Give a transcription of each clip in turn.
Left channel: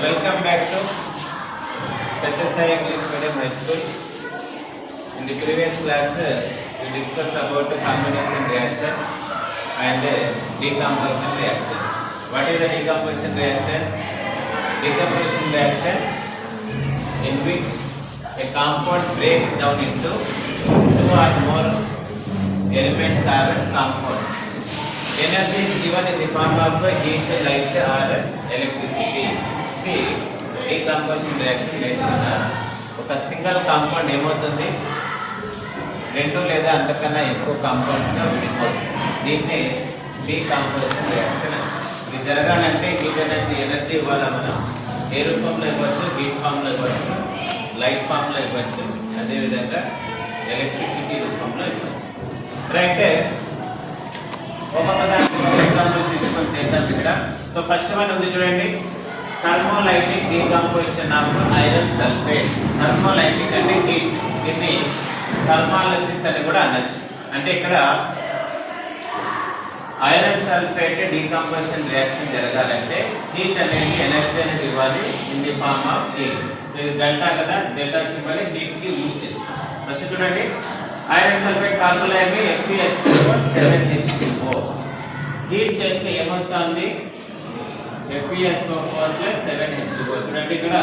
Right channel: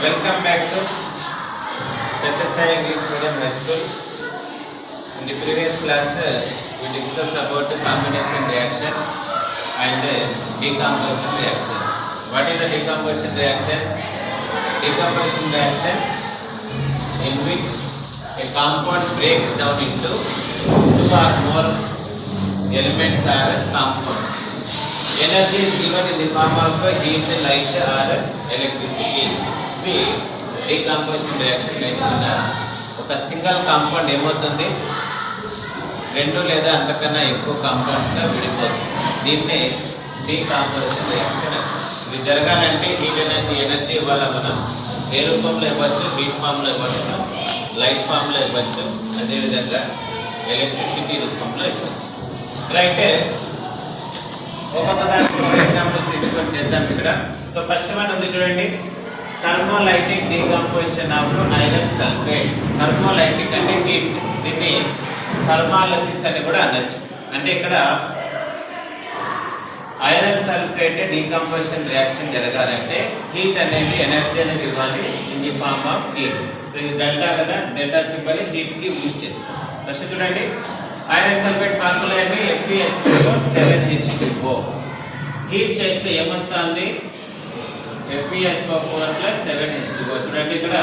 Welcome back to Satyasai English Medium High School. In the previous class, we discussed about combination reaction and decomposition reaction. What is the decomposition reaction? Decomposition reaction in which a compound breaks down into two or more elements or compounds. Energy is given in the form of heat, light or electricity. Decomposition reaction నేర్చుకున్నారు. ఒక single compound ఏమవుతుంది, రెండు లేదా అంతకన్నా ఎక్కువ కాంపౌండ్స్గా విడిపోతుంది. దీన్నే decomposition reaction అని. ఇది జరగాలంటే హీట్ ఎనర్జీ ఇవ్వాలి. మనం ఏ రూపంలో ఇవ్వచ్చు, హీట్ ఫామ్లో ఇవ్వచ్చు, లైట్ ఫామ్లో ఇవ్వచ్చు, అదేవిధంగా ఎలక్ట్రిసిటీ రూపంలో ఇవ్వచ్చు. రైట్, ఒక్కొక్క దానికి ఎగ్జాంపుల్స్ తీసుకొని చేద్దాం ఇక్కడ. సో ఫస్ట్ వన్ ఉంది చూడండి, thermolytic decomposition of iron sulphate. Thermolytic అంటే హీట్, దీన్ని థర్మాలసిస్ అని కూడా అనొచ్చు. అంటే ఇక్కడ ఐరన్ సల్ఫేట్ డీకంపోజిషన్ రియాక్షన్ జరగాలంటే హీట్ అనేది ఎనర్జీ అనేది ఇవ్వాలి in the form of heat. ఇది డెల్టా కదా, డెల్టా సింబల్ హీట్కి యూజ్ చేస్తాం. ఫస్ట్ చూడండి, ఐరన్ సల్ఫేట్ ఫార్ములా ఏమి, FeSO7H2O. హీట్ చేస్తే ఏమొస్తుంది, FeSO4 + 7H2O. చూడండి ఇక్కడ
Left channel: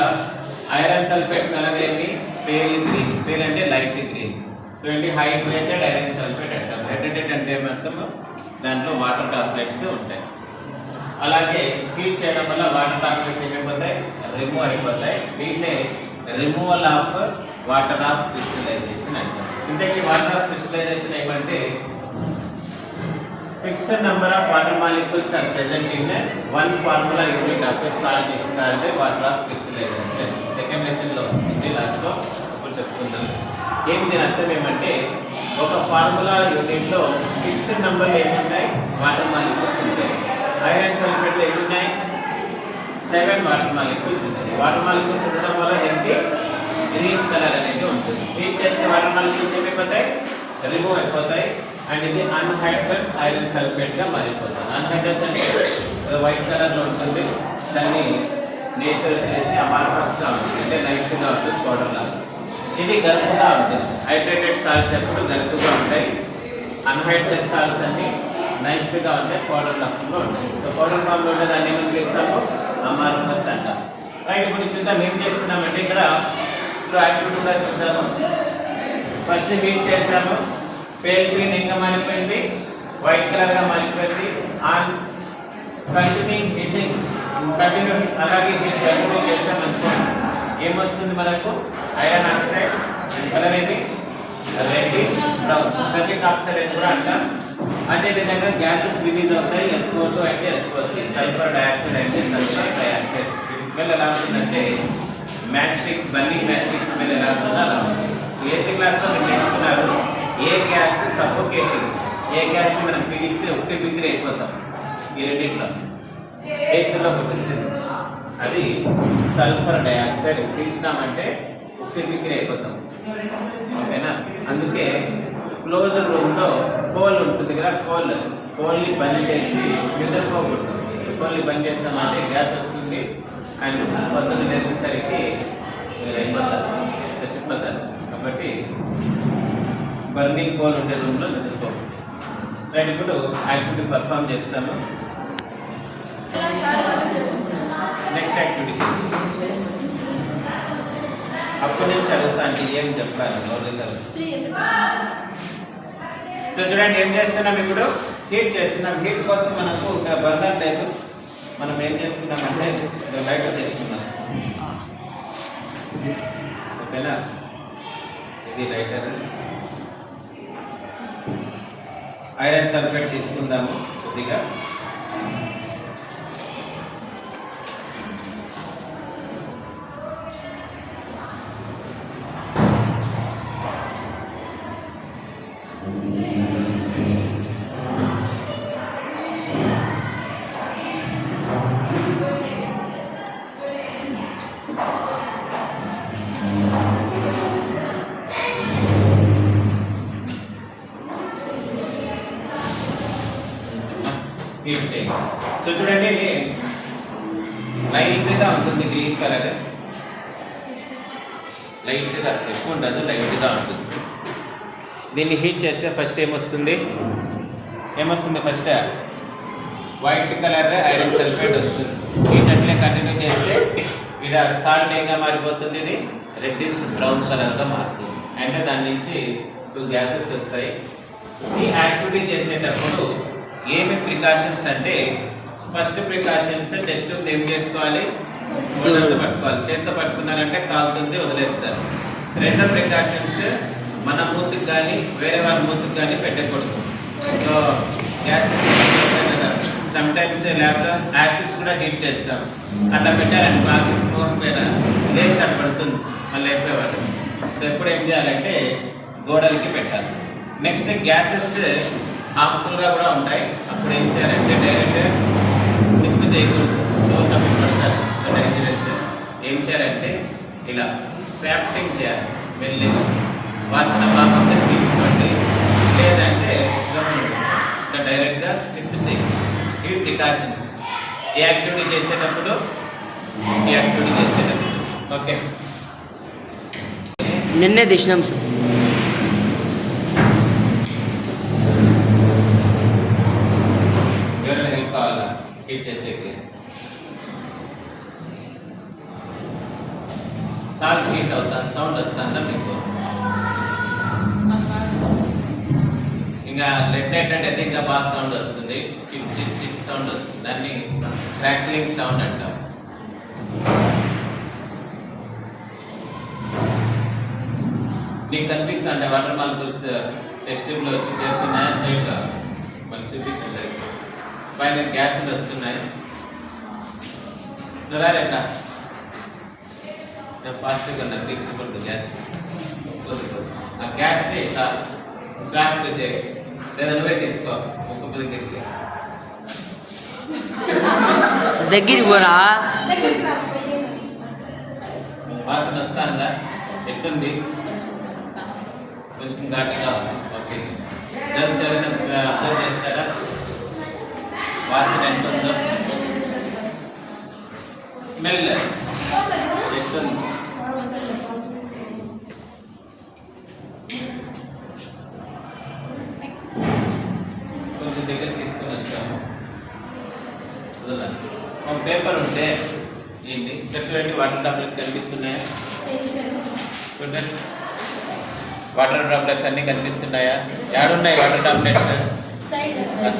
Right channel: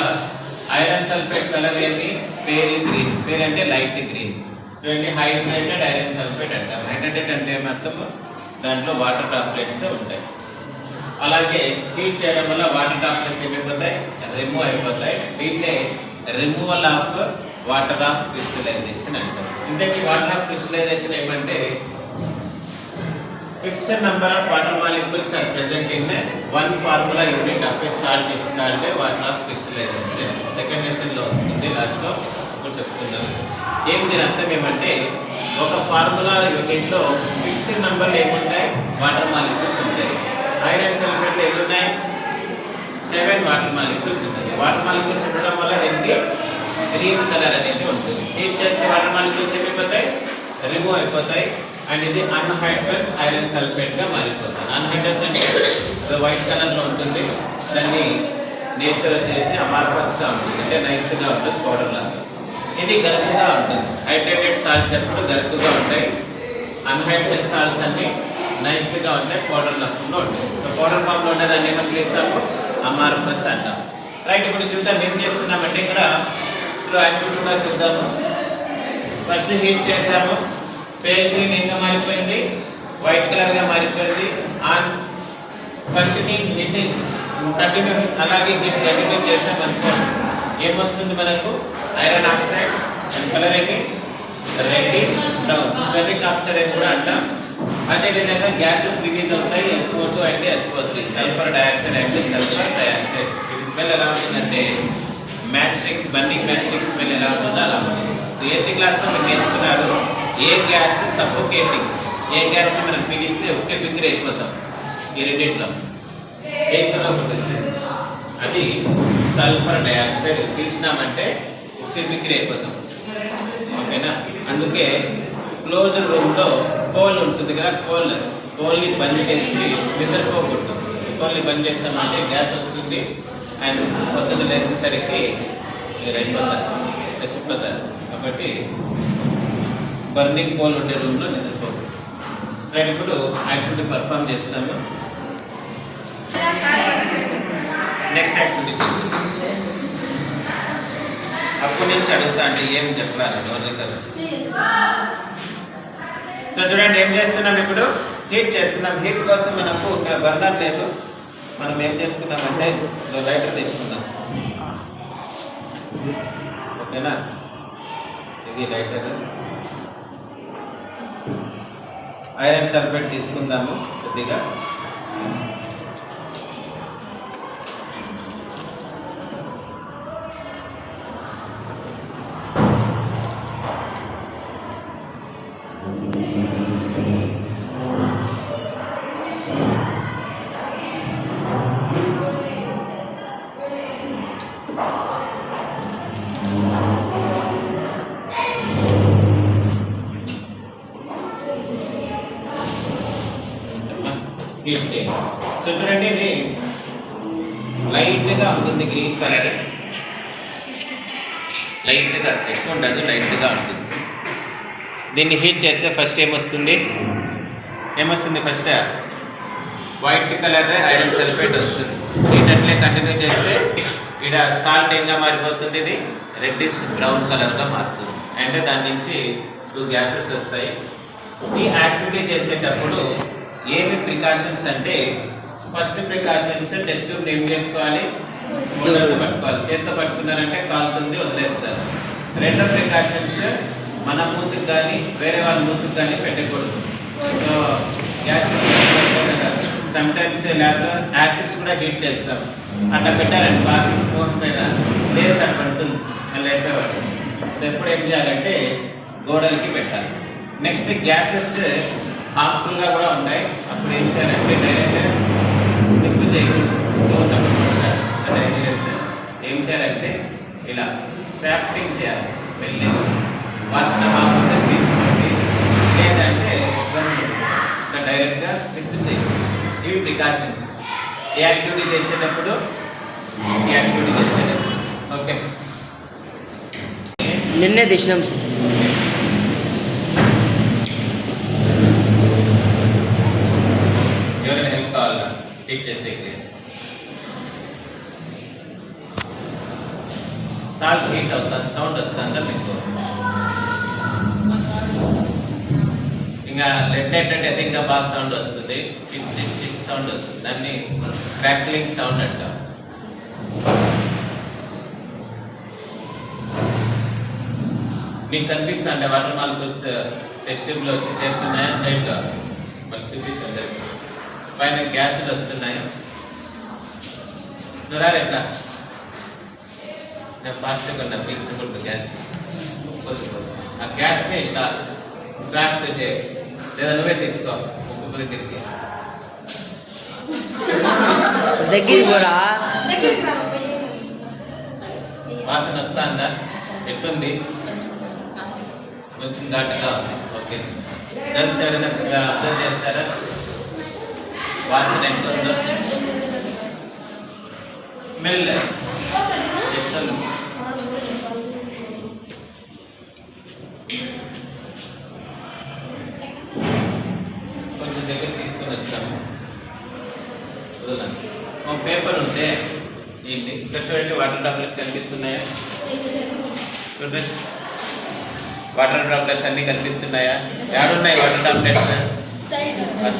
ఐరన్ సల్ఫేట్ కలర్ ఏమి, పేల్ గ్రీన్. పేల్ అంటే లైట్ గ్రీన్. చూడండి, హైడ్రేటెడ్ ఐరన్ సల్ఫేట్ అంటాం. హైడ్రేటెడ్ అంటే ఏమర్థము, దాంట్లో వాటర్ టాబ్లెట్స్ ఉంటాయి. అలాగే హీట్ చేయడం వల్ల వాటర్ టాబ్లెట్స్ ఏమైపోతాయి, రిమూవ్ అయిపోతాయి. దీన్నే removal of water of crystallization అంటారు. ఇంతకీ వాటర్ ఆఫ్ క్రిస్టలైజేషన్ ఏమంటే, fixed number of water molecules are present in one formula unit of a salt is called water of crystallization. Second lesson లో వస్తుంది, last లో ఇప్పుడు చెప్పుకుందాం. ఏం దీని అర్థం ఏమంటే, ఒక ఫార్ములా యూనిట్ లో ఫిక్స్డ్ నంబర్ ఏముంటాయి, వాటర్ మాలిక్యూల్స్ ఉంటాయి. ఐరన్ సల్ఫేట్ ఎన్ని ఉన్నాయి, 7 వాటర్ మాలిక్యూల్స్ ఉంటాయి. వాటర్ మాలిక్యూల్స్ ఉండడం వల్ల దీనికి గ్రీన్ కలర్ అనేది ఉంటుంది. హీట్ చేస్తే వాటర్ మాలిక్యూల్స్ ఏమైపోతాయి, రిమూవ్ అయిపోతాయి. అండ్ ఇది అన్హైడ్రస్ ఐరన్ సల్ఫేట్ గా మారిపోతుంది. అన్హైడ్రస్ అంటే వైట్ కలర్ లో ఉంటుంది. దాన్ని నేచర్ చేసి అమార్ఫస్ గా ఉంటుంది, అంటే నైస్ గా ఉంటుంది, పౌడర్ లాగా. ఇది గరుకుగా ఉంటుంది. హైడ్రేటెడ్ సాల్ట్స్ ఎప్పుడు గరుకుగా ఉంటాయి, అన్హైడ్రస్ సాల్ట్స్ అన్ని నైస్ గా ఉంటాయి, పౌడర్ లక్షణంలో ఉంటాయి. సో పౌడర్ ఫామ్ లో ఉంటే దాన్ని ఏమని పిలుస్తాము, అమార్ఫస్ అంటాం. రైట్, ఇప్పుడు చూద్దాం ఏం చేస్తున్నామంటే ఇక్కడ యాక్టివిటీగా చూద్దాము. ఫస్ట్ హీట్ చేసాము, పేల్ గ్రీన్ ఇంకా మారిపోయింది, వైట్ కలర్ గా మారిపోయింది. ఆన్ కంటిన్యూ అలాగే హీట్ కంటిన్యూ చేసామనుకో ఏమొస్తుంది మనకు, ఐరన్ ఆక్సైడ్. అండ్ కలర్ ఏమి, రెడ్డిష్ బ్రౌన్. ఫెరిక్ ఆక్సైడ్ అని కూడా అంటాం. అదేవిధంగా గ్యాసెస్ రిలీజ్ అవుతాయి, SO2 అంటే SO3, సల్ఫర్ డయాక్సైడ్ అంటే సల్ఫర్ డయాక్సైడ్. ఇది స్మెల్ ఎలా ఉంటుందంటే, match sticks, burning match sticks smell ఎలా ఉంటుందో అలా ఉంటుంది. 8th క్లాస్లో మీరు నేర్చుకున్నారు, ఏ గ్యాస్ సఫోకేటింగ్, ఏ గ్యాస్ని మనం పీడిస్తే ఒకే బిక్కిరి అయిపోతాం. ఈ రెండింటిలో 8th లో వచ్చింది, అది సల్ఫర్ డయాక్సైడ్. పీల్చినామంటే ఒకే బిక్కిరి అయిపోతాం, ఓకేనా. అందుకే క్లోజ్ రూమ్లో కోల్ ఉంటుంది కదా, కోల్ని బంద్ చేసి నిద్రపోకూడదు. కోల్ని బంద్ చేస్తామంటే గ్యాస్ వస్తుంది అండ్ పొద్దున్న లేసేసరికి మీరు అయిపోతారు, చచ్చిపోతారు. కాబట్టి బర్నింగ్ కోల్ ఉండే రూమ్లో నిద్రపోకూడదు. రైట్, ఇప్పుడు యాక్టివిటీ పర్ఫామ్ చేస్తాము. నెక్స్ట్ యాక్టివిటీ అప్పటి నుంచి అడుగుతా అంటే ఏం చెప్పాలి ఎవరి కదా. సో చూడండి, ఏం చేస్తున్నాం ఇప్పుడు, హీట్ చేస్తున్నాం. హీట్ కోసం మనకు బర్నర్ లేదు. మనం ఏం చేసుకున్నామంటే లైటర్ తెచ్చుకున్నాం, ఓకేనా. ఇది లైటర్. ఐరన్ సల్ఫేట్ తీసుకుందాము కొద్దిగా. హీట్ చేయండి. సో చూడండి, ఇది లైట్ లైట్గా ఉంటుంది గ్రీన్ కలర్, లైట్గా ఎక్కువ ఉండదు, లైట్గా ఉంటుంది. దీన్ని హీట్ చేస్తే ఫస్ట్ ఏమొస్తుంది first white colour iron sulphate వస్తుంది. హీట్ కంటిన్యూ చేస్తే ఇక్కడ సాల్ట్ ఏంగా మారిపోతుంది, ఇది రెడ్డిష్ బ్రౌన్ కలర్గా మారుతుంది. అంటే దాని నుంచి 2 గ్యాసెస్ వస్తాయి. ఈ యాక్టివిటీ చేసేటప్పుడు ఏమి ప్రికాషన్స్ అంటే, ఫస్ట్ ప్రికాషన్స్ టెస్ట్ ట్యూబ్ ఏం చేసుకోవాలి, చేతితో పట్టుకోవాలి. చేతితో పట్టుకున్నారంటే కాలుతుంది, వదిలేస్తారు. రెండో ప్రికాషన్స్ మన మూతికి కానీ వేరే వాళ్ళ మూతికి కానీ పెట్టకూడదు. సో గ్యాస్ సమ్ టైమ్స్ ల్యాబ్లో యాసిడ్స్ కూడా హీట్ చేస్తాం, అట్లా పెట్టారండి బాత్రూమ్ ఫోన్ పైన లేస్ అట్లా పడుతుంది, మళ్ళీ అయిపోయేవాడు. సో ఎప్పుడు ఏం చేయాలంటే గోడలకి పెట్టాలి. నెక్స్ట్ గ్యాసెస్ హార్మ్ఫుల్గా కూడా ఉంటాయి, అప్పుడు ఏం చేయాలంటే డైరెక్ట్ స్నిప్ చేయకూడదు, తప్పి పడతారు డేంజరస్. ఏం చేయాలంటే ఇలా స్వాప్టింగ్ చేయాలి, మెల్లిగా వాసన బాగుంటే పీల్చుకోండి, లేదంటే ఇట్లా డైరెక్ట్గా స్నిప్ చేయండి. ఇవి ప్రికాషన్స్ ఈ యాక్టివిటీ చేసేటప్పుడు. ఓకే, నిన్నే తెచ్చినాం సార్. ఎవరైనా హెల్ప్ కావాలా హీట్ చేసేది? సాల్ట్ హీట్ అవుతా, సౌండ్ వస్తుందా మీకు? ఇంకా లెడ్ అయితే ఇంకా బాగా సౌండ్ వస్తుంది, చిట్ చిట్ చిట్ సౌండ్ వస్తుంది. దాన్ని క్రాక్లింగ్ సౌండ్ అంటాం. మీకు కనిపిస్తుంటే వాటర్ మాలిక్యూల్స్ టెస్ట్ ట్యూబ్లో వచ్చి చేరుతున్నాయా? సైడ్లో మళ్ళీ చూపించండి. పైన గ్యాసులు వస్తున్నాయి. దొరారు ఎట్లా? నేను ఫాస్ట్గా ఉన్నా, పీల్చకూడదు గ్యాస్. ఆ గ్యాస్ని ఇట్లా స్వాప్ చేయి, లేదా నువ్వే తీసుకో. ఒక్కొక్క దగ్గరికి పోరా. వాసన వస్తుందా? ఎట్టుంది? కొంచెం ఘాటుగా ఉంది. ఓకే, గర్ల్స్ ఎవరైనా అబ్జర్వ్ చేస్తారా వాసన ఎంత ఉందో? స్మెల్ ఎట్లుంది? కొంచెం దగ్గర తీసుకొని వస్తాము. ఒక పేపర్ ఉంటే ఏంటి ఇక్కడ చూడండి, వాటర్ డ్రాప్లెట్స్ కనిపిస్తున్నాయి. వాటర్ డ్రాప్లెట్స్ అన్నీ కనిపిస్తున్నాయా? ఏడున్నాయి వాటర్ డ్రాప్లెట్స్?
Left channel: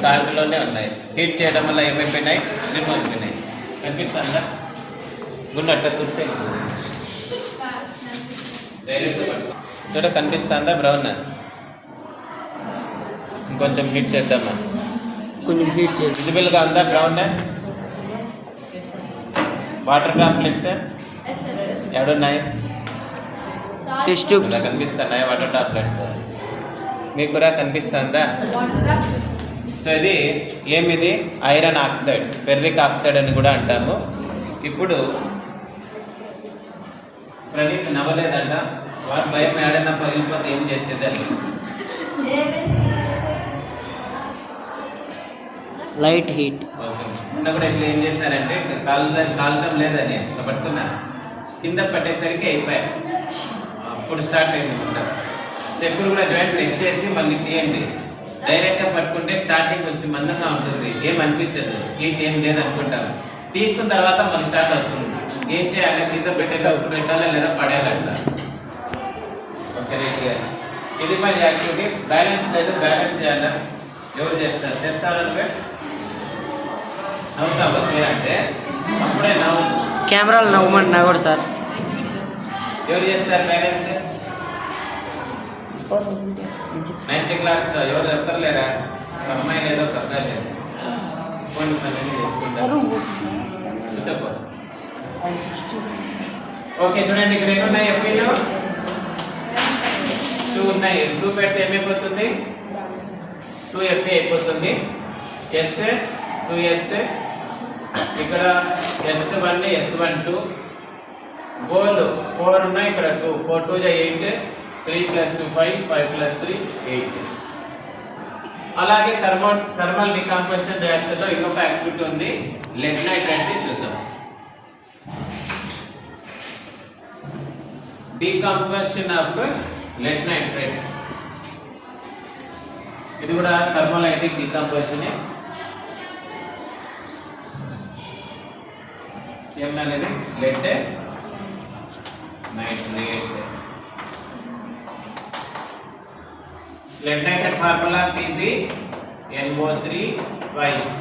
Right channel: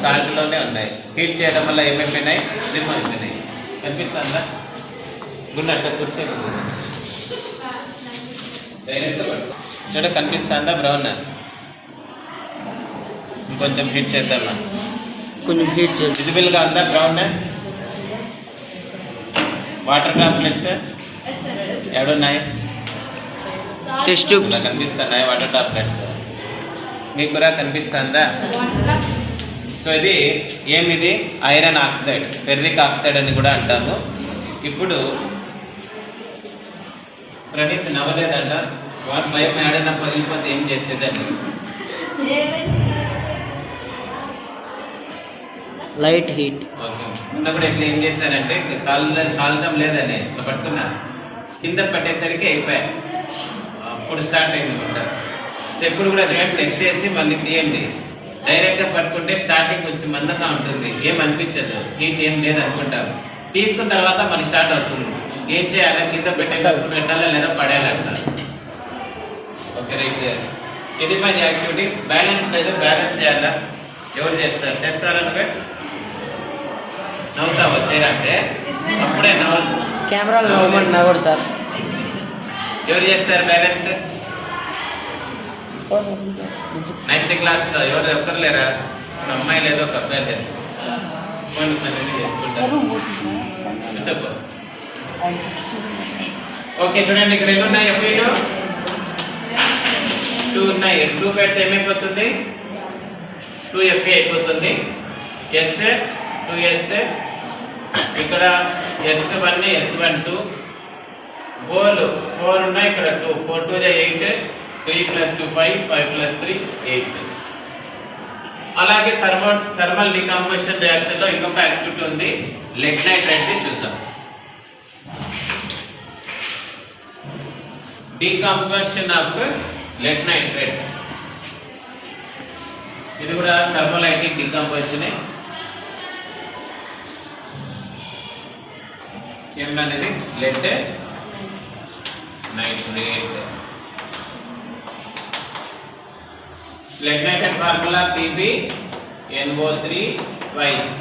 సాల్ట్లోనే ఉన్నాయి. హీట్ చేయడం వల్ల ఏమైపోయినాయి? రిమూవ్ అయిపోయినాయి. కనిపిస్తుందా? గున్నట్టు కూర్చొని డైరెక్ట్గా పట్టుకో. చూడ కనిపిస్తుందా? బ్రౌన్. ఇంకొంచెం హీట్ చేద్దామా? కొంచెం హీట్ చేద్దాం. విజిబుల్గా ఉందా బ్రౌన్? వాటర్ డ్రాప్లెట్స్ ఏడున్నాయి? టెస్ట్ ట్యూబ్స్ కనిపిస్తున్నాయి వాటర్ డ్రాప్లెట్స్. మీకు కూడా కనిపిస్తుందా? సో ఇది ఏమిది? ఐరన్ ఆక్సైడ్, ఫెర్రిక్ ఆక్సైడ్ అని కూడా అంటాము. ఇప్పుడు ప్రణీత్ నవ్వలేదంట, వాటి భయం ఏడన్నా పగిలిపోతే ఏం చేసేదని. Light heat. ఓకే, మొన్న కూడా ఇట్లా ఏం చేశారంటే కాలడం లేదని ఇట్లా పట్టుకున్నా, కింద పట్టేసరికి అయిపోయాయి. అప్పుడు స్టార్ట్ అయింది అనమాట. ఎప్పుడు కూడా జాయింట్ నెక్ చేసి మళ్ళీ తీయండి. డైరెక్ట్గా పట్టుకుంటే స్టార్టింగ్ కొంచెం మందంగా ఉంటుంది, ఏం అనిపించదు, హీట్ ఏం లేదు అనుకుంటాము. తీసుకున్న తర్వాత మళ్ళీ స్టార్ట్ అవుతుంది. ఏం చేయాలి? కింద పెట్టేటప్పుడు పెట్టాలా లేదా పడేయాలంట. Okay, right. ఇది పని యాక్టివిటీ. బ్యాలెన్స్ లేదు, బ్యాలెన్స్ చేయాలా? ఎవరు చేస్తారు? చేస్తారా? నువ్వే నవ్వుతావా చేయాలంటే? అప్పుడే నవ్వు. కెమెరాలు నవ్వమంటున్నా కూడా సార్. ఎవరు చేస్తారు బ్యాలెన్స్? 9th క్లాస్లో ఎవరు ఒక్కరు లేరా? ఒక అమ్మాయి లేదు, ఒక అబ్బాయి లేదు. కొన్ని మంది చేసుకుంటారు. చెప్పు. ఓకే, చూడండి ఇక్కడ ఎన్ని ఉన్నాయి? ఎఫ్ఈలు 2 ఉన్నాయి. 2 పెడితే ఏమైపోతుంది? 2FE అయిపోతుంది. ఎస్ 2S, ఇక్కడ S1 S12, బోల్ 4 ఉన్నాయి. ఇక్కడ 2, 4 2 8, 3 + 2 5, 5 + 3 8. అలాగే థర్మల్ డికంపోజిషన్ రియాక్షన్ లో ఇంకొక యాక్టివిటీ ఉంది, లెడ్ నైట్రేట్ ది చూద్దాం. Decomposition of lead nitrate. ఇది కూడా కార్బోలైటిక్ డీకంపోజిషన్. ఏమనేది lead nitrate. Lead nitrate formula PbNO3 వైస్.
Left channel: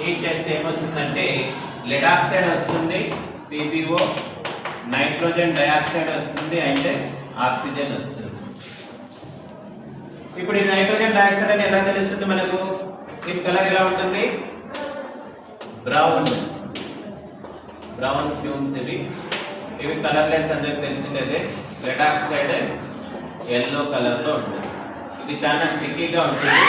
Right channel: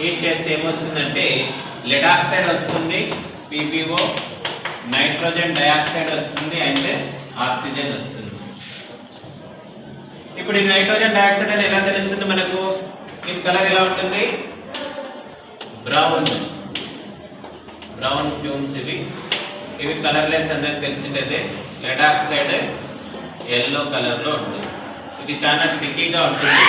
హీట్ చేస్తే ఏమొస్తుందంటే లెడ్ ఆక్సైడ్ వస్తుంది, PbO, నైట్రోజన్ డయాక్సైడ్ వస్తుంది అండ్ ఆక్సిజన్ వస్తుంది. ఇప్పుడు ఈ నైట్రోజన్ డయాక్సైడ్ అని ఎలా తెలుస్తుంది మనకు? దీని కలర్ ఎలా ఉంటుంది? Brown fumes. ఇవి కలర్లెస్ అందరికి తెలిసిందే. లెడ్ ఆక్సైడ్ ఎల్లో కలర్ లో ఉంటుంది. ఇది చాలా స్టిక్కీగా ఉంటుంది.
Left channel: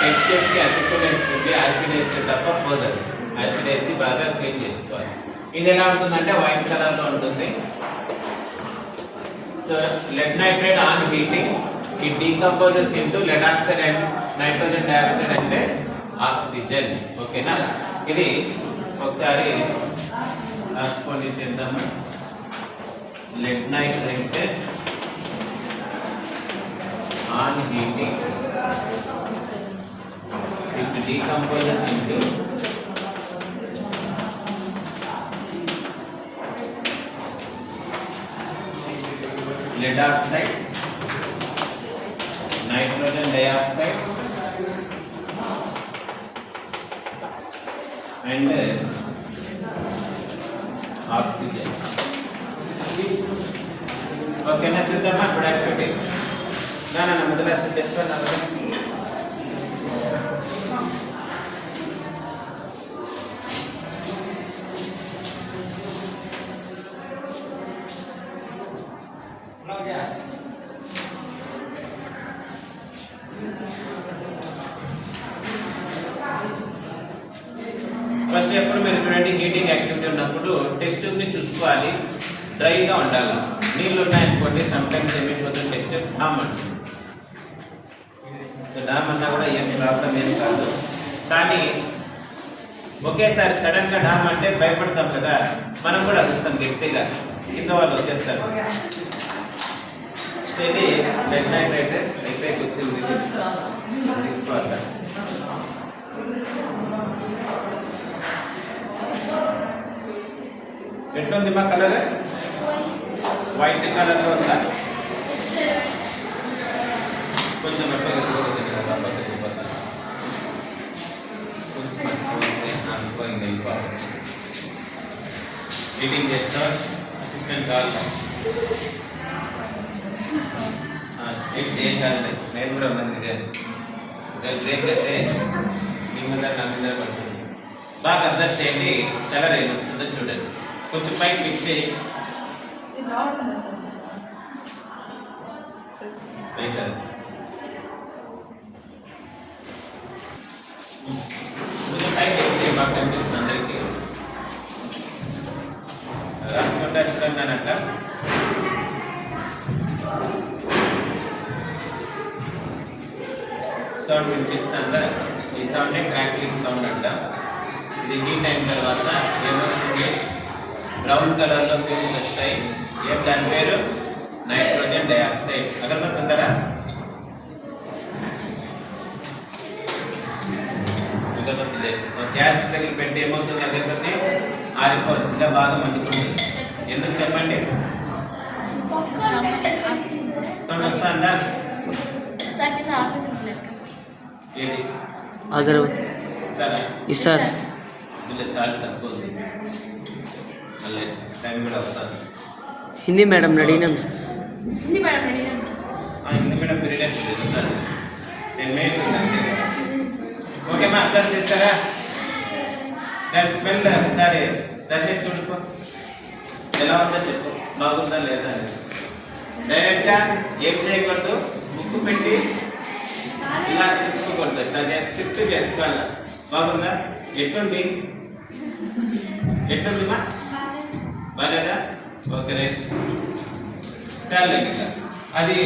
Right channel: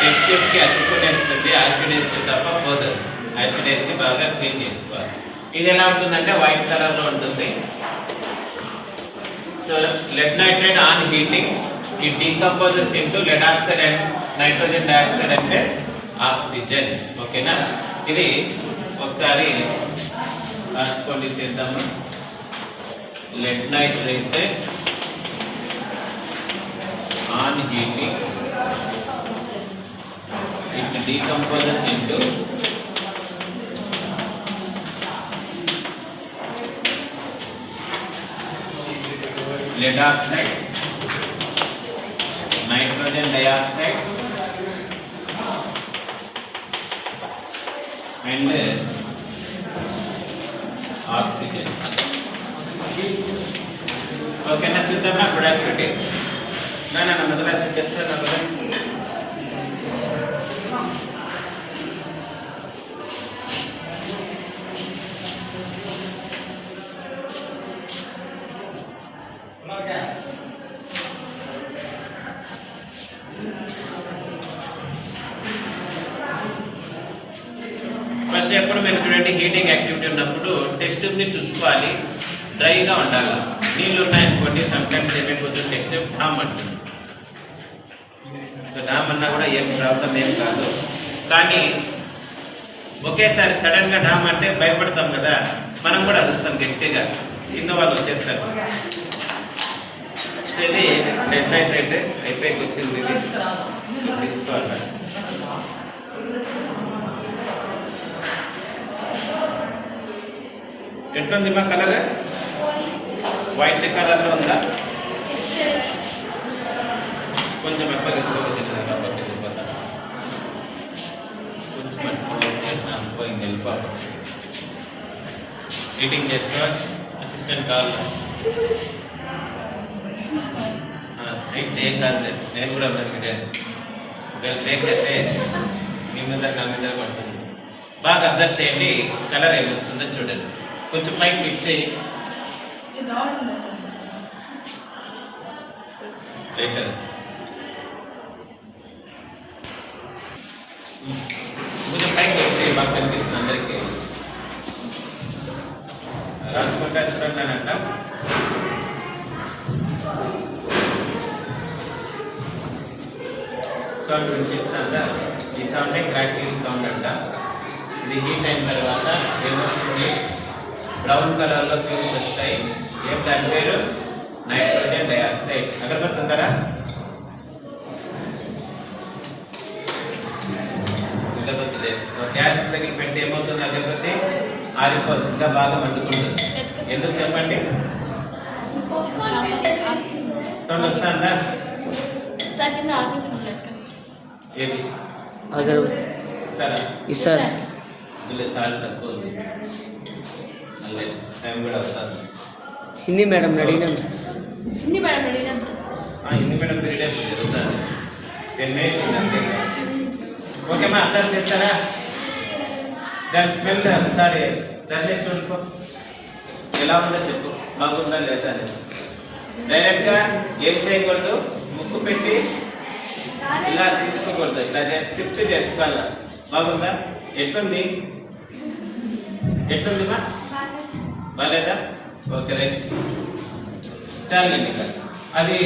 టెస్ట్ కి అతుక్కునేస్తుంది. యాసిడ్ వేస్తే తప్ప పోతుంది. యాసిడ్ వేసి బాగా క్లీన్ చేసుకోవాలి. ఇది ఎలా ఉంటుందంటే వైట్ కలర్ లో ఉంటుంది. So lead nitrate on heating it decomposes into lead oxide and nitrogen dioxide అంటే ఆక్సిజన్. ఓకేనా? ఇది ఒకసారి రాసుకోండి, చేద్దాము. Lead nitrate on heating it decomposes into lead oxide, nitrogen dioxide and oxygen. Okay, na చూద్దామా productivity. నా మొదలు చేస్తాను కదా. ఫస్ట్ ఎప్పుడు మేము చూడండి, హీటింగ్ యాక్టివిటీ ఉన్నప్పుడు టెస్ట్ ట్యూబ్ని చూసుకోవాలి, డ్రైగా ఉండాలి. నీళ్ళు ఉన్నాయనుకోండి, సమ్ టైమ్స్ ఏమైపోతుంది, టెస్ట్ ట్యూబ్ డామ్ అంటుంది. డామ్ అన్నా కూడా ఏం ప్రాబ్లం ఏం కాదు. కానీ ఒకేసారి సడన్గా డామ్ అంటే భయపడతాం కదా, మనం కూడా అరుస్తాం గట్టిగా, కింద వాళ్ళు వచ్చేస్తారు. సో ఇది లెడ్ నైట్రేట్ అయిపోయి వచ్చింది. ఇది తీసుకోవాలి. ఎట్లుంది మా కలర్? వైట్ కలర్లో ఉందా? కొంచెం ఎప్పటికి కొంచెం నాసిపోయింది, వెళ్ళిపోతుంది. ఎడిటింగ్ చేస్తా అసిస్టెంట్ కావాలి. ఏం చేయగలదు, నేను కూడా వీడియో బ్రేక్ అయితే మీ మీద నా మీద పడుతుంది. బాగా అబ్జర్వ్ చేయండి, కలర్ ఏమొస్తుందో చూడండి. కొంచెం పైకి క్లిక్ చేయి. కొంచెం పైకి క్లిక్ చేయి, బాగా కనిపిస్తుంది అందరికీ. రాసుకుంటా ఇస్తాను నేను అట్లా. సౌండ్ వినిపిస్తుందా? ఈ సౌండే క్రాక్లింగ్ సౌండ్ అంట. ఇది హీట్ అయిన తర్వాత ఏమొస్తుంది, బ్రౌన్ కలర్లో ఫ్యూమ్స్ వస్తాయి. ఏం దాని పేరు? Nitrogen dioxide. అగరబత్తుంటారా? అగరబత్తి గ్యాస్ దగ్గర పెట్టి ఏమవుతుంది, అగరబత్తి ఆరిపోతుంది, ఇంకా బాగా మండుతుంది. ఎందుకు చెప్పండి? సౌండ్ వస్తుందా? ఏది అగరబత్తి ఇస్తారా? ఇస్తారు. ఇందులో సాల్ట్ తక్కువ ఉంది, మళ్ళీ టైం కూడా వస్తుంది. హిందీ మేడం అడిగినాం సార్. హిందీ మేడం పీరియడ్ జరుగుతుంది. 10 minutes ఉంది. ఓకేమా, అర్థం చేస్తారా? దాని స్మెల్ సరే దాన్ని చూడుకో, ఎలా ఉందో చెప్పు, బాగుందా లేదా అని. డైరెక్ట్గా ఏం చేయకూడదు, ముక్కు పెట్టి ఇలా తీసుకోకూడదు, ఇట్లా చేసి షిఫ్ట్ చేసుకోవాలి. బాగుందా? ఎట్లుంది మా బాగాలేదా? Okay right. చాలండి. అది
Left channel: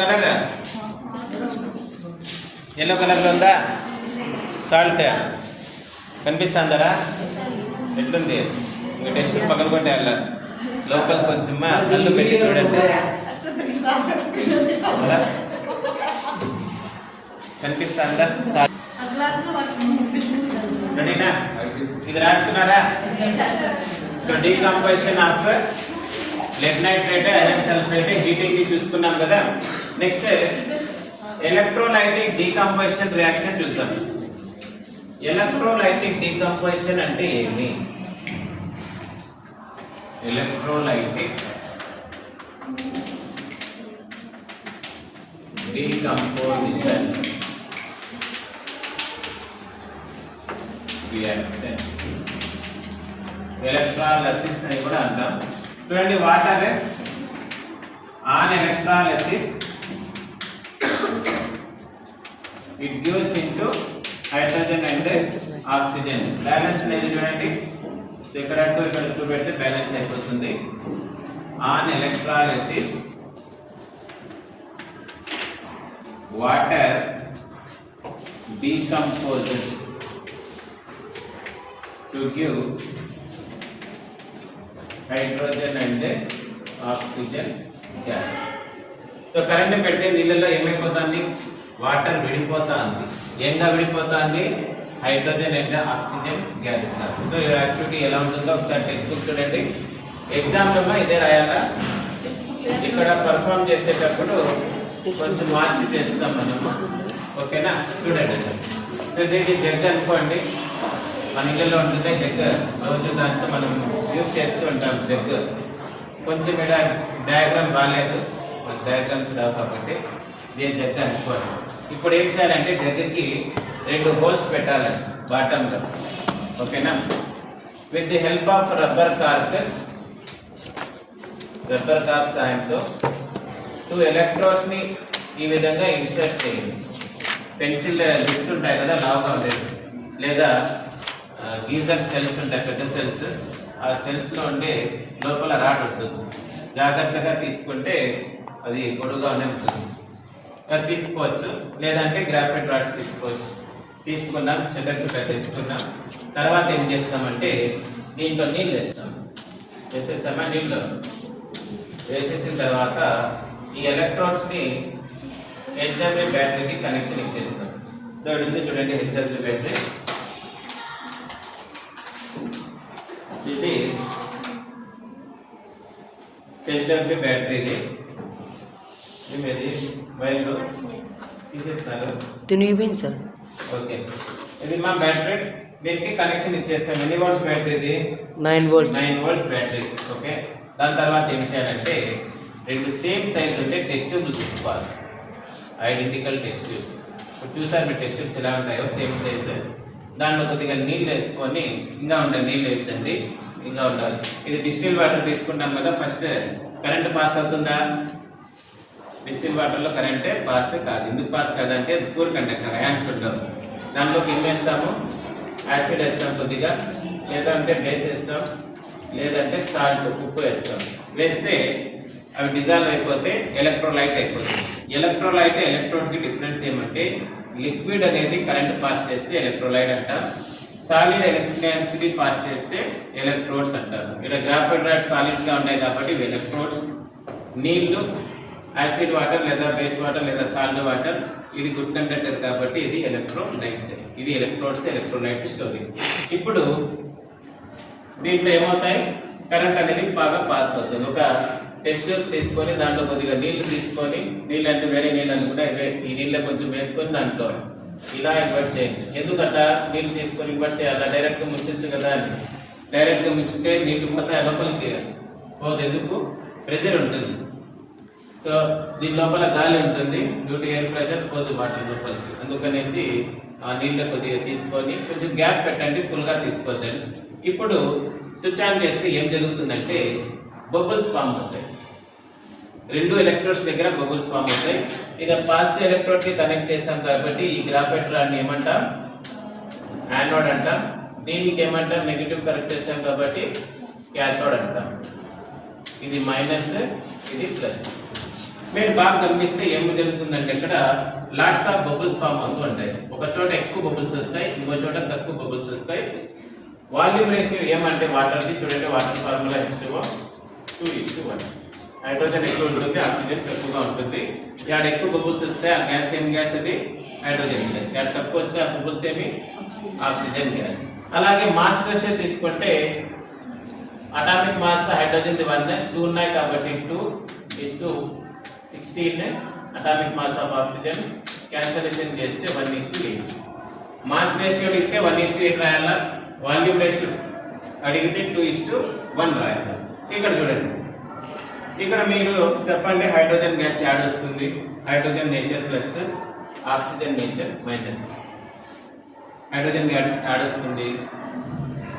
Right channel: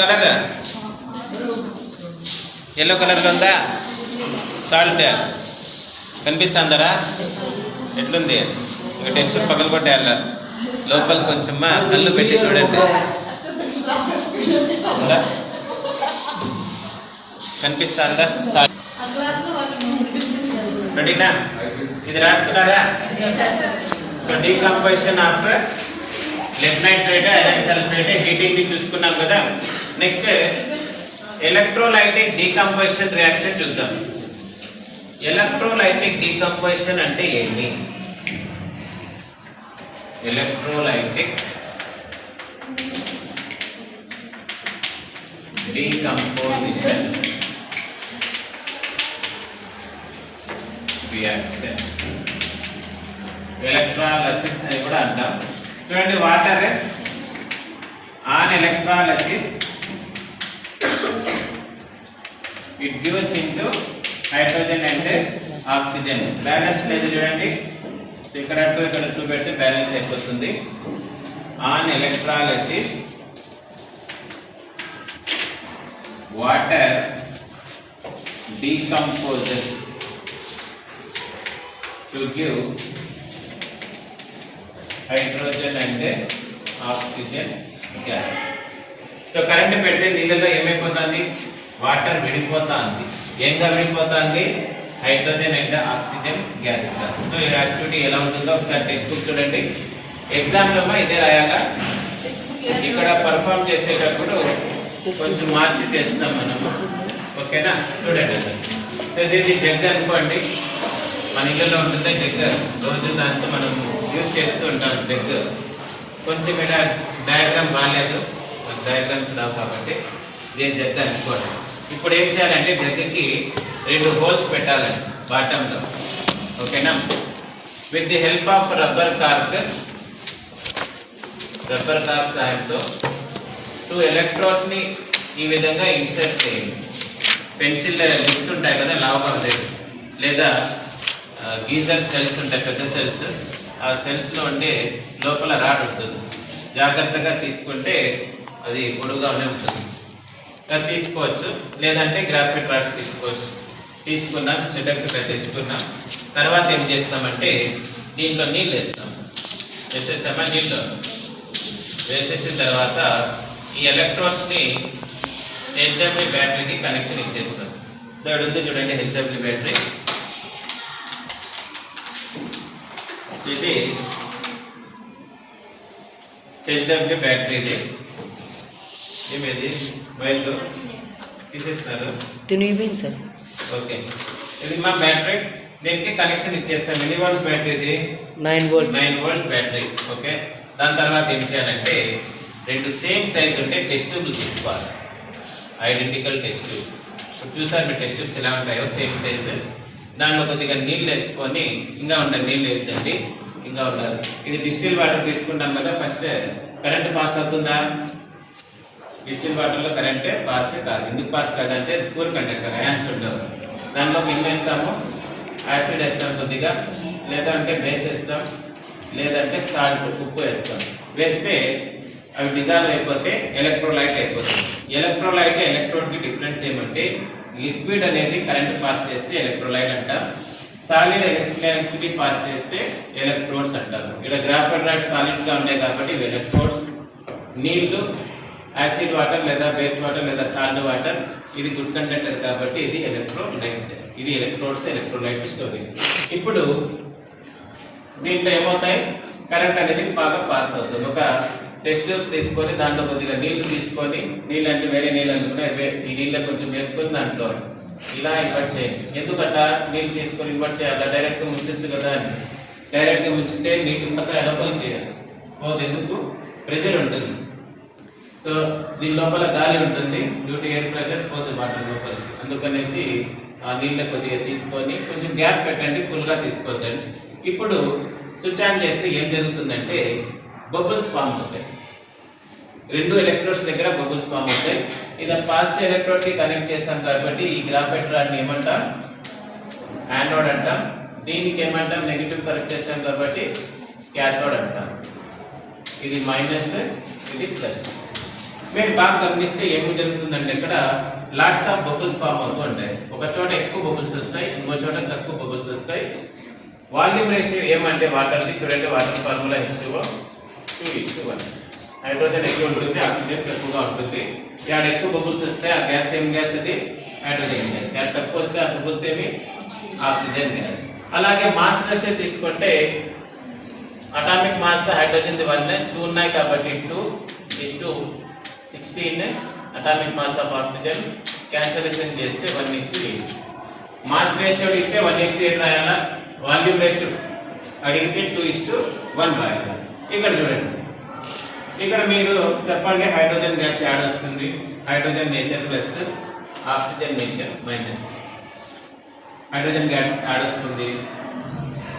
కలర్ ఎల్లో కలర్లో ఉందా? సాల్ట్ కనిపిస్తుందరా? ఎట్లుంది? ఇంకా టెస్ట్ పగలు కొట్టేయాల. లోపల కొంచెం కళ్ళు పెట్టి చూడండి. కనిపిస్తుందా? రెడీనా? ఇది రాసుకున్నారా? So decomposition of lead nitrate, iron sulphate, heating ది చూసుకున్నాం కదా. నెక్స్ట్ ఎలక్ట్రోలైటిక్ డీకంపోజిషన్ రియాక్షన్ చూద్దాం. ఎలక్ట్రోలైటిక్ డీకంపోజిషన్ అంటే ఏమి? ఎలక్ట్రోలైటిక్ డీకంపోజిషన్ రియాక్షన్, ఎలక్ట్రాలసిస్ అని కూడా అంటాం. చూడండి, water on electrolysis it gives into hydrogen and oxygen. Balance లేదు చూడండి, ఇక్కడ టు ఇక్కడ టూ పెడితే బ్యాలెన్స్ అయిపోతుంది. On electrolysis water decomposes to give hydrogen and oxygen gas. So current పెడితే నీళ్ళలో ఏమైపోతుంది? వాటర్ విడిపోతుంది. ఏంగా విడిపోతుంది? Hydrogen and oxygen gas. So ఈ యాక్టివిటీ ఎలా ఉంటుందో ఒకసారి టెక్స్ట్ బుక్ చూడండి. ఎగ్జామ్లో ఇదే రాయాలా? ఇక్కడ పర్ఫామ్ చేసేటప్పుడు కొంచెం మార్చి చేస్తాం మనము, ఓకేనా? చూడండి సార్. సో ఇది జగ్ అనుకోండి, మన ఇళ్ళలో ఉంటుంది జగ్. రోజు దాంతో మనం యూజ్ చేస్తూ ఉంటాం జగ్. కొంచెం ఇక్కడ డయాగ్రామ్ బాగాలేదు, డయాగ్రామ్స్ రావు కాబట్టి దీని జగ్ అనుకోండి. ఇప్పుడు ఏం చేయాలంటే జగ్గుకి 2 హోల్స్ పెట్టాలండి బాటంలో, ఓకేనా? With the help of rubber cork సాయంతో 2 ఎలక్ట్రోడ్స్ ని ఈ విధంగా ఇన్సర్ట్ చేయండి. పెన్సిల్ లిప్స్ ఉంటాయి కదా, లావుగా ఉంటాయి, లేదా గీజర్ సెల్స్ ఉంటాయి, పెద్ద సెల్స్. ఆ సెల్స్లో ఉండే లోపల రాడ్ ఉంటుంది. జాగ్రత్తగా తీసుకుంటే అది పొడుగుగానే ఉంటుంది. అది తీసుకోవచ్చు, లేదంటే గ్రాఫైట్ రాడ్స్ తీసుకోవచ్చు. తీసుకున్నాం, సెటప్ తీసుకున్నాం. తర్వాత ఏం చేస్తామంటే దీంట్లో నీళ్ళు వేస్తాం. వేసేసామా? నీళ్ళు వేసేసిన తర్వాత ఈ ఎలక్ట్రోడ్స్ని హెచ్డబ్ల్యూ బ్యాటరీకి కనెక్షన్ ఇచ్చేస్తాం. ఇక్కడ ఉంది చూడండి హెచ్డబ్ల్యూ బ్యాటరీ. ఇది హెచ్డబ్ల్యూ బ్యాటరీ. ఇది ఏమేది వైర్లు తీసేసినారు, తినిగిపోయింది సార్. ఓకే, ఇది మా బ్యాటరీ. దీనికి కనెక్షన్ ఇచ్చేస్తాం. ఎన్ని వోల్ట్స్ బ్యాటరీ ఇది? 9 volts. 9 volts battery, okay. దాని తర్వాత ఏం చేయాలంటే 2 సేమ్ సైజ్ ఉంటే టెస్ట్ ట్యూబ్లు తీసుకోవాలి, ఐడెంటికల్ టెస్ట్ ట్యూబ్స్. ఇప్పుడు చూసారు మీరు టెస్ట్ ట్యూబ్స్ ఎలా ఉంటాయో, సేమ్ సైజ్. దాంట్లో కొద్దిగా నీళ్ళు వేసుకొని, ఇంకా ఉండాలి నీళ్ళు వేద్దండి, ఇంకా ఉండాలి. ఇది డిస్టిల్ వాటర్ తీసుకుంటాం కదా. ఫస్ట్ కరెంట్ పాస్ అవుతుందా? డిస్టిల్ వాటర్లో కరెంటే పాస్ కాదు. ఎందుకు పాస్ కాదంటే పూర్ కండక్టర్, అయాన్స్ ఉండవు. దాంట్లోకి ఏం వేస్తాము? యాసిడ్ వేస్తాం కొద్దిగా, లేదంటే బేస్ వేస్తాం, లేదంటే సాల్ట్, ఉప్పు వేస్తాం. వేస్తే అవి డిజాల్వ్ అయిపోతే ఎలక్ట్రోలైట్ అయిపోతుంది. ఎలక్ట్రోలైట్ ఎలక్ట్రోడ్కి డిఫరెన్స్ ఏమంటే, లిక్విడ్ అనేది కరెంట్ పాస్ చేస్తే ఎలక్ట్రోలైట్ అంటాం, సాలిడ్ ఎలక్ట్రిసిటీ పాస్ చేస్తే ఎలక్ట్రోడ్స్ అంటారు. ఇక్కడ గ్రాఫైట్ రాడ్ సాలిడ్స్గా ఉన్నాయి కాబట్టి ఇవి ఎలక్ట్రోడ్స్. నీళ్లు, యాసిడ్ వాటర్ లేదా బేస్ వాటర్ లేదా సాల్ట్ వాటర్, ఇది గుడ్ కండక్టర్ కాబట్టి ఇది ఎలక్ట్రోలైట్. ఇది ఎలక్ట్రోడ్స్, ఎలక్ట్రోలైట్ స్టోరేజ్. ఇప్పుడు దీంట్లో ఏమవుతాయి? కరెంట్ అనేది బాగా పాస్ అవుతుంది. ఒక టెస్ట్ ట్యూబ్ తీసుకొని దాంట్లో కొద్దిగా నీళ్లు తీసుకొని, నీళ్ళు అంటే వేరే నీళ్ళు అనుకుంటే ఈ నీళ్ళ కొంచెం వేసుకొని దాంట్లో ఇలా ఇన్వర్ట్ చేయండి. ఎందుకంటే నీళ్ళు తీసుకొని ఇన్వర్ట్ చేయాలి, డైరెక్ట్గా ముంచచ్చు కదా అని. డైరెక్ట్గా ముంచితే నీళ్ళు మొత్తం లోపలికి పోదు. ఎందుకు? ప్రెషర్ ఉంటుంది. సో దీని లోపల గాలి ఉంటుంది, డ్యూ టు ఎయిర్ ప్రెషర్ పోదు వాటర్ లోపలికి. అందుకనేసి ఆ నీళ్ళ కొద్దిగా తీసుకొని కొంచెం గ్యాప్ పెట్టండి, ఫుల్గా తీసుకోవద్దండి. ఇప్పుడు స్విచ్ ఆన్ చేస్తే ఏం జరుగుతుందంటే బబుల్స్ ఫామ్ అవుతాయి. 2 ఎలక్ట్రోడ్స్ దగ్గర బబుల్స్ ఫామ్ అవుతాయి. ఇక పాజిటివ్ ఎలక్ట్రోడ్కి కనెక్ట్ చేస్తాం కాబట్టి ఈ గ్రాఫైట్ రాడ్ని ఏమంటాం? యానోడ్ అంటాం. దీనికి ఏమంటాం? నెగిటివ్ కనెక్ట్ చేస్తాం కాబట్టి క్యాథోడ్ అంటాం. ఇది మైనస్, ఇది ప్లస్. మీరు బాగా గమనిస్తే ఏమి జరుగుతుందంటే ఇక్కడ లాట్స్ ఆఫ్ బబుల్స్ ఫామ్ అవుతూ ఉంటాయి. ఒక చోట ఎక్కువ బబుల్స్ వస్తాయి, ఇంకో చోట తక్కువ బబుల్స్ వస్తాయి. వాల్యూమ్ రేషియో ఏమంటే వాటర్ది చూడండి, వాటర్ ఫార్ములా H2O. 2:1. హైడ్రోజన్ ఎక్కువ ఉంటుంది, ఆక్సిజన్ తక్కువగా ఉంటుంది. ఇక్కడ ఎక్కువ బబుల్స్ వస్తే ఆ గ్యాస్ ఏం గ్యాస్ అది హైడ్రోజన్ గ్యాస్. ఇక్కడ తక్కువ వస్తే ఆ బబుల్స్ ఏమి ఆక్సిజన్ గ్యాస్. అలాగే మాస్ రేషియో తీసుకుంటే అటామిక్ మాస్ హైడ్రోజన్ 2 ఉన్నాయి కాబట్టి 2:16 atomic mass of oxygen. Cancellation చేస్తే 1:8. మాస్ రేషియో అడిగితే 1:8 రాయాలా, వాల్యూమ్ రేషియో అడిగితే 2:1 రాయాలా. ఇక్కడ చూడండి, ఇక్కడ మీరు చెప్పండి హైడ్రోజన్ గ్యాస్ యాడ్ వస్తుంది. Hydrogen nature plus oxygen nature minus. Hydrogen gas add వస్తుంది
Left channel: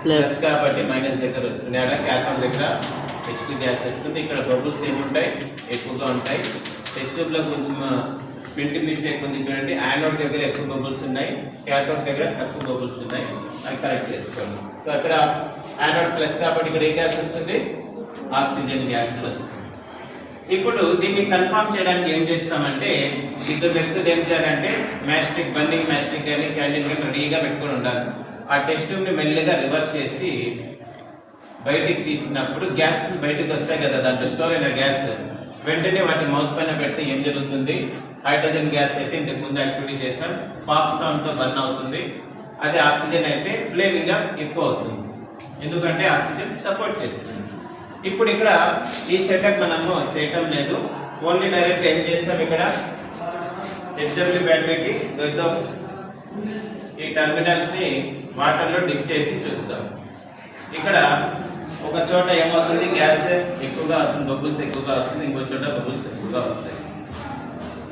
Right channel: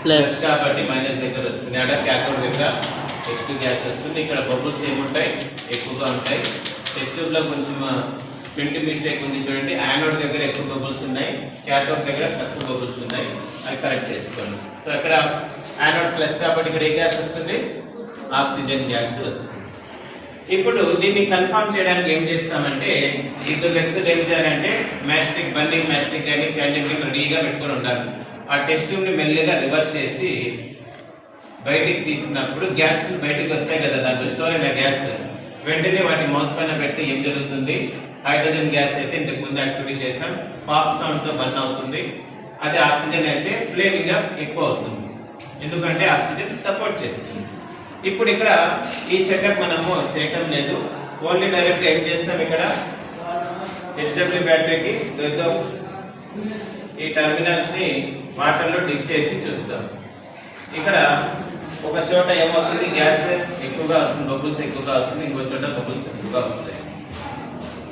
ప్లస్ కాబట్టి మైనస్ దగ్గర వస్తుంది. ఆడ క్యాథోడ్ దగ్గర టెస్ట్ గ్యాస్ వస్తుంది. ఇక్కడ బబుల్స్ ఏముంటాయి, ఎక్కువగా ఉంటాయి. టెస్ట్ ట్యూబ్లో కొంచెం ప్రింటింగ్ మిస్టేక్ ఉంది చూడండి. యానోడ్ దగ్గర ఎక్కువ బబుల్స్ ఉన్నాయి, క్యాథోడ్ దగ్గర తక్కువ బబుల్స్ ఉన్నాయి. అవి కరెక్ట్ చేసుకోండి. సో ఇక్కడ యానోడ్ ప్లస్ కాబట్టి ఇక్కడ ఏ గ్యాస్ వస్తుంది, ఆక్సిజన్ గ్యాస్ వస్తుంది. ఇప్పుడు దీన్ని కన్ఫర్మ్ చేయడానికి ఏం చేస్తామంటే ఇద్దరు వ్యక్తులు ఏం చేయాలంటే మ్యాస్టిక్ బర్నింగ్ మ్యాస్టిక్ కానీ క్యాండిల్ కానీ రెడీగా పెట్టుకొని ఉండాలి. ఆ టెస్ట్ ట్యూబ్ని మెల్లిగా రివర్స్ చేసి బయటికి తీసినప్పుడు గ్యాస్ బయటికి వస్తాయి కదా, దాంట్లో స్టోర్ అయిన గ్యాస్ వెంటనే వాటి మౌత్ పైన పెడితే ఏం జరుగుతుంది, హైడ్రోజన్ గ్యాస్ అయితే ఇంతకు ముందు యాక్టివిటీ చేసాం, పాప్ సౌండ్తో బర్న్ అవుతుంది. అది ఆక్సిజన్ అయితే ఫ్లేమింగ్ ఎక్కువ అవుతుంది, ఎందుకంటే ఆక్సిజన్ సపోర్ట్ చేస్తుంది. ఇప్పుడు ఇక్కడ ఈ సెటప్ మనము చేయటం లేదు, ఓన్లీ డైరెక్ట్గా ఏం చేస్తాం, ఇక్కడ హెచ్డబ్ల్యూ బ్యాటరీకి ఈ టర్మినల్స్ని వాటర్లో డిప్ చేసి చూస్తాం. ఇక్కడ ఒక చోట ఏమవుతుంది, గ్యాస్ ఎక్కువగా వస్తుంది, బబుల్స్ ఎక్కువగా వస్తుంది, ఇంకో చోట బబుల్స్ ఎక్కువగా వస్తాయి.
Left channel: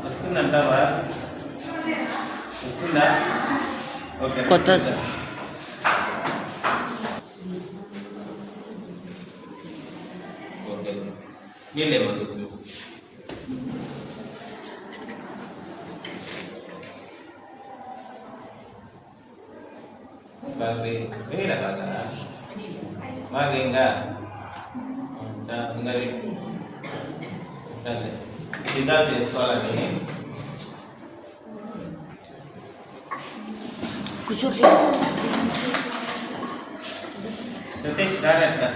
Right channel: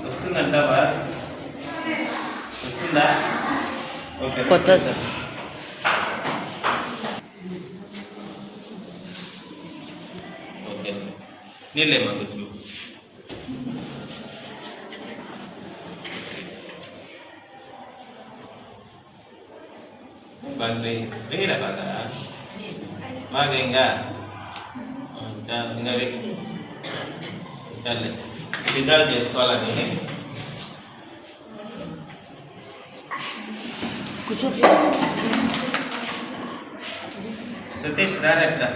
వస్తుందంటావా, వస్తుందా? ఓకే, కొత్త ఓకే, నీళ్ళేమో గుర్తు. బాగా వేయరా, బాగా ఇంకా చాలే డిజాల్వ్ చేసుకోవాలని. సతీష్ రారా ఎట్లా,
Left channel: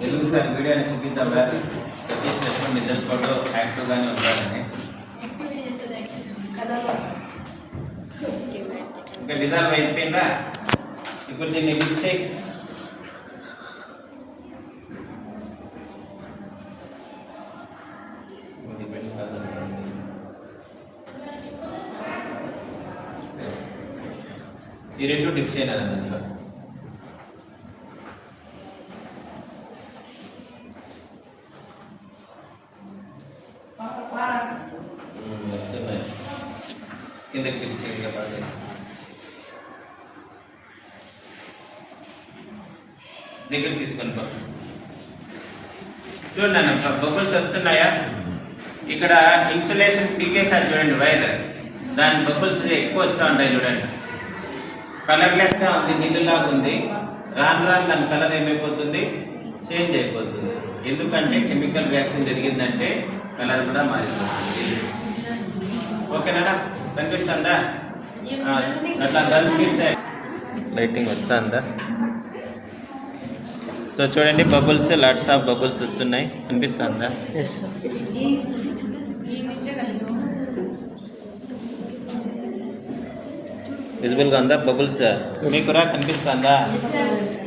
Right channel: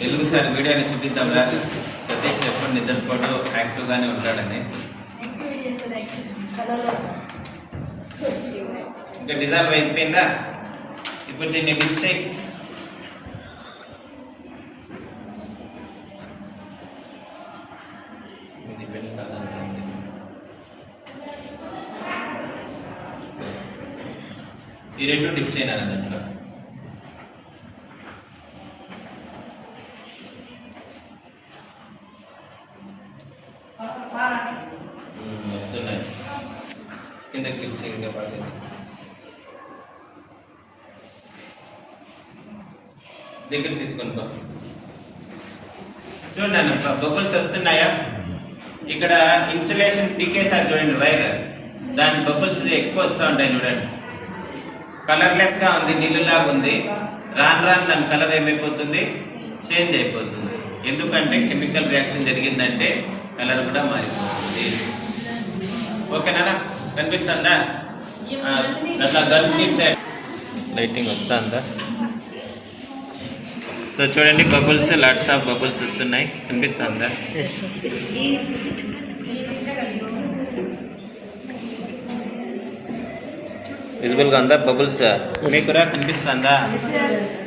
తెలుగు సార్ వీడియోని చూపిద్దాం రా. సతీష్ ఎప్పుడు నిద్రపోడు, యాక్టివ్గానే ఉంటాడని. ఇంకా డిజాల్వ్ అయిపోయిందా? ఇప్పుడు దీన్ని డిప్ చేయి. ఈ రెండు డిప్ చేయనా దాంట్లో. వస్తున్నాయి, కిందకి డిప్ చేయగా బాగా. దగ్గర తీసుకొని చూడండి, బబుల్స్ వస్తున్నాయా? ఇక్కడ ఇన్సులేషన్ దిగేసారి చూడండి వైర్, దాని బబుల్స్ ఎక్కువ వస్తూ ఉంటాయి చూడండి. కలర్లెస్గా ఉంది, నీళ్ళలాగా ఉంది. రాను రాను దాని కలర్ ఏమైపోతుంది, చేంజ్ అయిపోతుంది. ఎందుకంటే కెమికల్ రియాక్షన్ జరిగిందంటే కలర్ కూడా మారిపోతుంది. ఓకేనా, కనిపిస్తుందా? అట్లా గర్ల్స్కి ఇచ్చారు. లైటింగ్ వస్తుందా? సో చూడండి, బబుల్స్, లాట్స్ ఆఫ్ బబుల్స్ వస్తున్నాయి, కనిపిస్తుందా? విజిబుల్గా ఉందా బబుల్స్? మీకు కూడా కనిపిస్తుందా?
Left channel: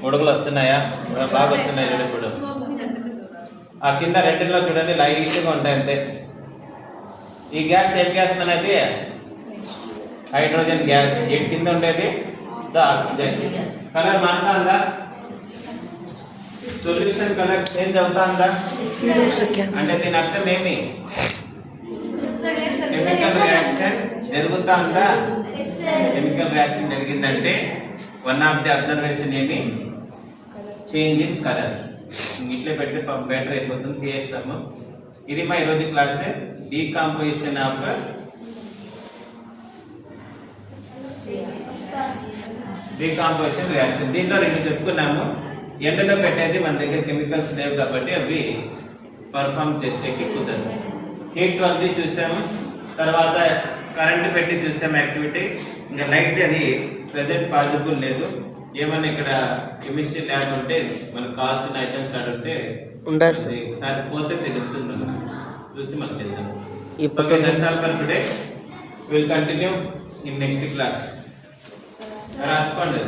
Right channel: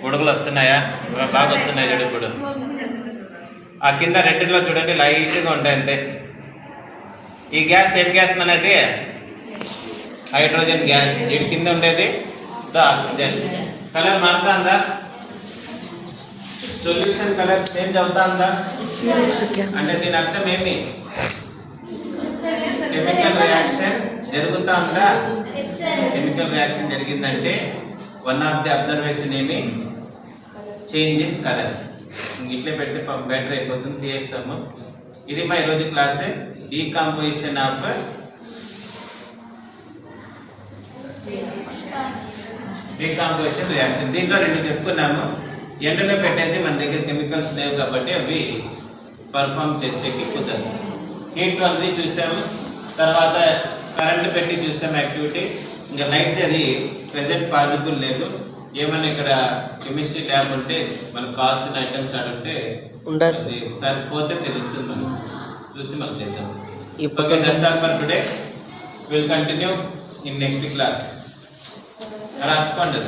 ఉడుగులు వస్తున్నాయా? బాగా వస్తున్నాయి చూడు. ఇప్పుడు ఆ కింద రెండులో చూడండి లైట్గా ఉంటాయి అంతే. ఈ గ్యాస్ ఏం గ్యాస్ అనేది హైడ్రోజన్ గ్యాస్. వీటి కింద ఉండేది ఆక్సిజన్. కలర్ మారుతుందా? సొల్యూషన్ కలర్ చేంజ్ అవుతుందా? అంటే దీని అర్థం ఏమి, కెమికల్ రియాక్షన్ జరుగుతా ఉందా? కెమికల్ రియాక్షన్ జరిగిందంటే వన్ ఆఫ్ ది అబ్జర్వేషన్ ఏమి, చేంజ్ ఇన్ కలర్. ఇట్లే పెడితే బెటర్ అయిపోతుంది, తీయేస్తాము. ఇది మా ఈరోజు class, decomposition of decomposition reaction. దీంట్లో రెండు చెప్పుకున్నాము. ఎండలో పెట్టేది మన దగ్గర కెమికల్స్ లేవు కాబట్టి అవి పర్ఫామ్ చేసేకి కుదరదు. హీట్ వల్ది చూసాము. తర్వాత కరెంట్ పెట్టి చూసాం యాక్టివిటీ, ఇంకా లైట్ అది ప్రెసెంట్ పాసిబుల్ లేదు. ఏమన్నా ఇక్కడ కెమిస్ట్రీ ల్యాబ్ ఉంటే మనకు కావాల్సిన ఐటమ్స్ అడిగితే ఉండదు సార్. అది సరిపోతే తెలుస్తుంది మనకు, చూసి మనం చేద్దాం. ఇప్పుడు okay, that's all for today. Will continue in next class. రాసుకోండి.